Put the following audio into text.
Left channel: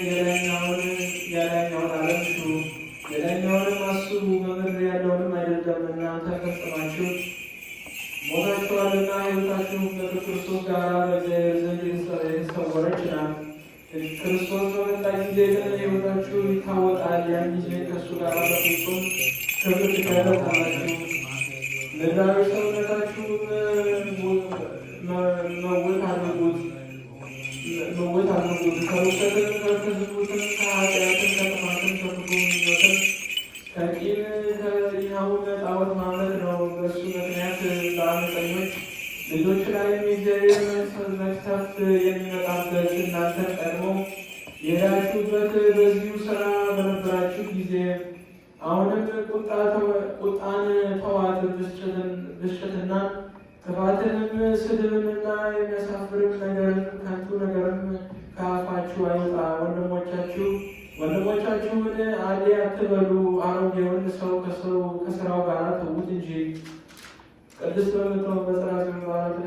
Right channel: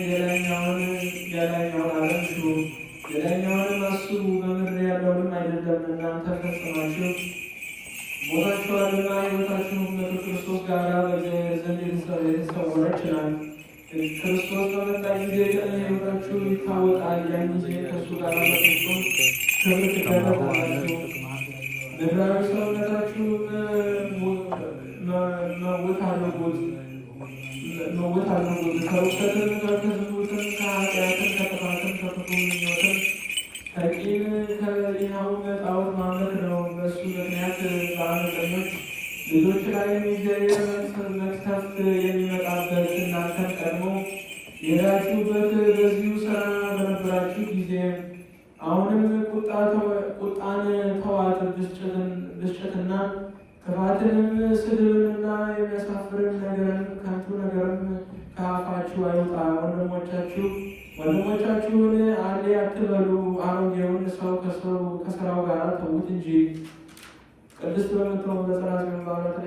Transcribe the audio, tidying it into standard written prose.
የላይኛውን ዓለም ሽሩ፣ የላይኛውንም አስቡ፣ በምድር ያለውንም አይደለም። እናንተ ፈጽማችሁ ሞታችኋልና ሕይወታችሁ ከክርስቶስ ጋር በእግዚአብሔር ዘንድ የተሰወረች ናት። ክርስቶስ በመጣ ጊዜ ሕይወታችሁ ይታወቃል። ያን ጊዜ ከእሱ ጋር በፍጹም ክብር ትገለጣላችሁ። ምድራዊ ሰውነታችሁን መውት አድርጉት፣ ከርኵሰትና ከዝሙትም ከኃጢአትም ከጥፋትም ከክፉ ምኞትም ከቂም ከሌላውም ጣዖት ማምለክ ነው። በእሱ ምክንያት በዓመፀኞች ልጆች ላይ የእግዚአብሔር መቅሰፍት የሚመጣበት እናንተን ቀድሞ የሄዳችሁበት በዚሁ ሥራ በነበራችሁ ጊዜ አሁንም ቁጣን ተዋት፣ ብስጭትና ክፋትንም ስድብንና የሚያሳፍርን ነገርን ከንቱ ነገርም ከአፋችሁ አይውጣ። ወንድሞቻችሁን አሌ አትበሉ፣ አሮጌውን ሰው ከስራው ጋር ተዉት እንጂ ቅድስት በምትሆን በጽርሐ ጽዮን በዓላትን